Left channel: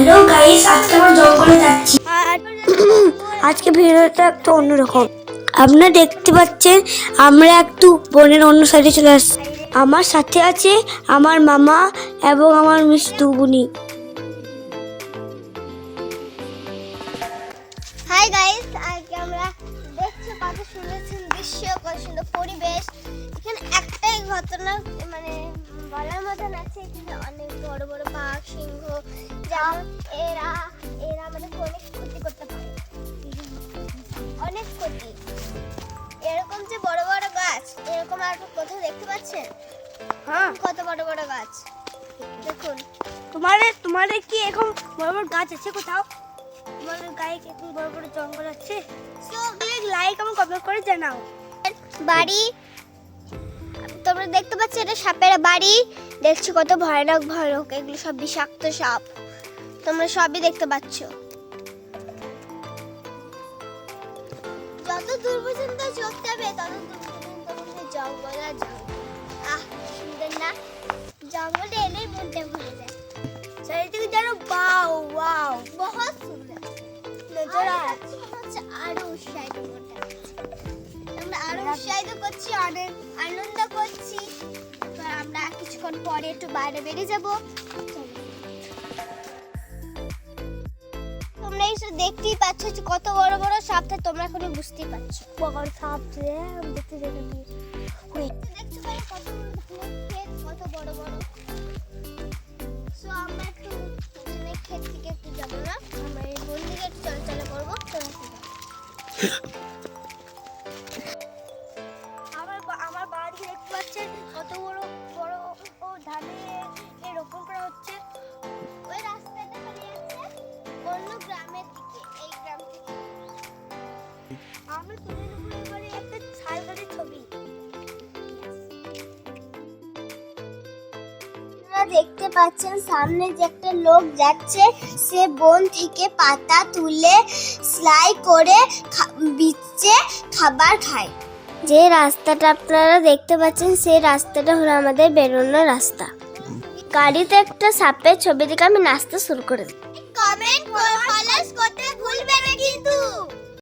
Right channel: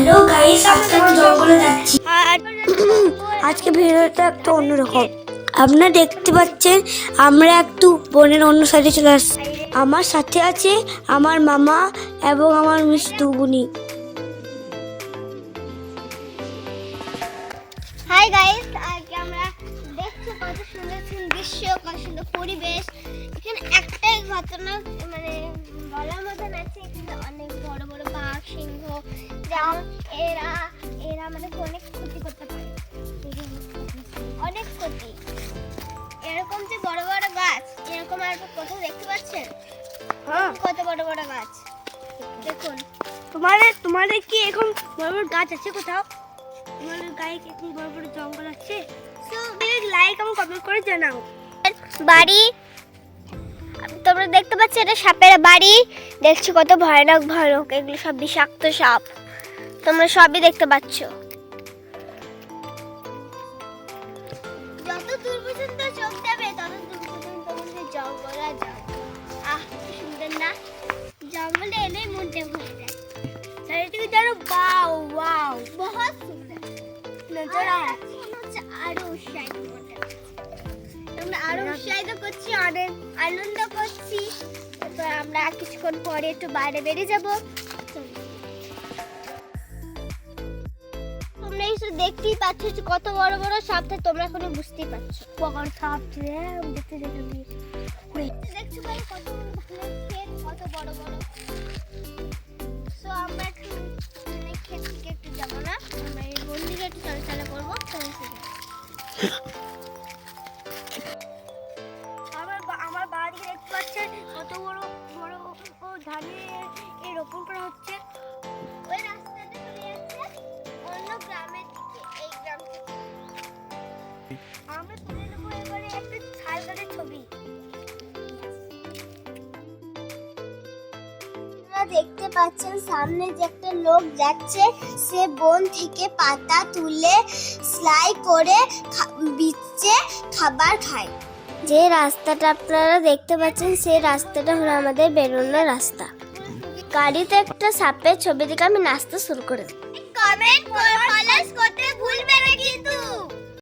Hello guys, আজকে আমরা জঙ্গলে যাচ্ছি। আজকে ভিডিওটা একটু অন্যরকম। আপনারা দেখতে পাচ্ছেন আমরা একটু বনের অন্য সাইডে চলে আসছি। আমার সাথে আছে আমার মামা এবং আমার মিষ্টি বুনি। হাই গাইস, আজকে আমরা দেখছি কত সুন্দর দৃশ্য, কত সুন্দর পরিবেশ। এখানে একটাই ঘটনা মানে বলার মতন আছে, এখানে অনেক বড় বড় বাঘ, সিংহ, যেমন এরা আমাদের অনেক ক্ষতি করতে পারে, অনেক ক্ষতি। এরকম যে বড় বড় গাছ, এরকম আর কোথাও দেখতে পাচ্ছেন? হ্যাঁ, কত বড় বড় গাছ দেখুন। তোমাদের কি এরকম বড় বড় গাছ আছে কোথাও? তোমাদের গায়ে কি এরকম বড় বড় জঙ্গল আছে? লাইক এবং কমেন্ট করে জানাও। বাড়ি তোমরা দেখতে পাচ্ছ, এটা সাপের বাড়ি। দেখছো কত ভয়ানক ভয়ানক, এগুলো সব বিষাক্ত সাপ, তোমরা সবই দেখতে পাচ্ছ। যত দূর পর্যন্ত চোখ যাবে তত দূর পর্যন্ত জঙ্গল আর জঙ্গল। আহ, সুন্দর না? জঙ্গলে এলেই মনটা ভরে যায়। চারিদিকে জানো ওয়াও ওয়াও, বহুত সুন্দর নজর। আরো উৎসাহিত করতে, আমরা আরো উৎসাহিত করছি, অনেক আনন্দ করছি। তো আমরা কিছুক্ষণ পরে একটু বাইরে বেরিয়ে যাব। তোমরা এসে দেখতেই পাচ্ছ যে কত বড় বড় সাপ, তোমরা এখনো বুঝতেই পারছো। বড় সাপ দেখতে দেখতে দেখছো কত বড় ক্ষেত, কত বড় বড়। সো আমরা একটু ক্ষেত থেকে একটু যাবো না, আমরা এই বন দিকে একটু চলাচলা করবো। আমার বাড়ি দেখতে পাচ্ছেন কত বড় বড় ধানে রোপণ করা হচ্ছে। ওই রাস্তাটা চলে যাচ্ছে অন্য গ্রামের দিকে, এই গ্রাম থেকে। আমরা তুলে নেবো এবারে একটা ছাল গাছের ছবি। দেখতে পাচ্ছেন সামনে যে একটা লোক যাচ্ছে, সে বন থেকে পাতা তুলে সেলাই করে বিচে খাবার খায়। যে রাস্তাটা আপনারা দেখতে পাচ্ছেন সেই রাস্তাটা হলো আমাদের বেরোনোর রাস্তা। গাড়িতে একটা সাপের ছবি দেখে আমি নাচতে শুরু করে দিই। কমেন্ট করে ফলো করতে ভুলবেন না কিন্তু।